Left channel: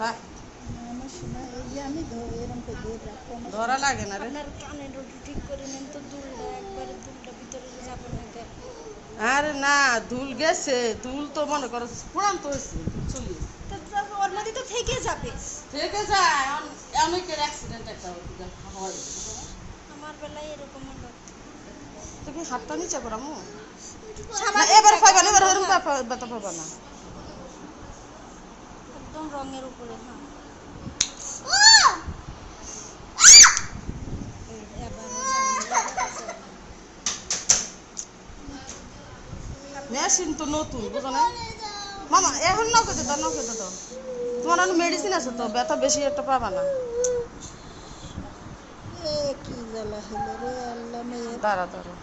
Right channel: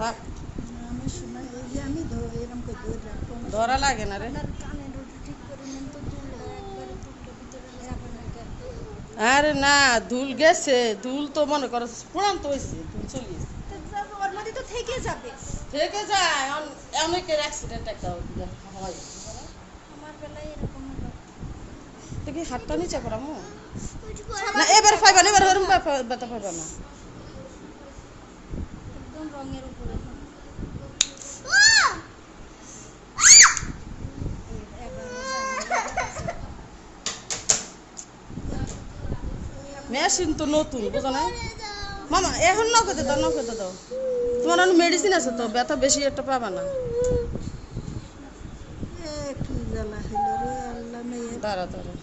থাক আমার শোনা এই যে আমি এরকম করে ধরে রাখবো ধরা লাগে না রে। আপনার কানের ওটা ঠিক করে নেন তো, দুলটা একবারে দুলটা ভিতরে যাবে না কেন? আরে না, ধুল গেছে, ধুল তো মনে করো পুরান্ত হয়েছে, ধুল চলে গেছে। ওর মধ্যে তো থেকে যাবে। ঠিক আছে, অনেকের অ্যাক্সিডেন্ট একটা হয়। আমার বেলায় এরকম হলো। তো কি হাতটা নিচে করামো না? এবার পাইবা না, এবার হরুন বাতা পাবা না। একদম রঙের উপরে। মেশিন তো নতুন, বুঝো না মামা? এখন নৌকোতে দাও, নৌকোতে দাও। তোমার অনেক মেডিসিন আছে তো, ব্যথা বেশি একটা পাবা না। কি জ্বালা হলো রে আল্লাহ মেয়ে। দাঁড়া দাঁড়া।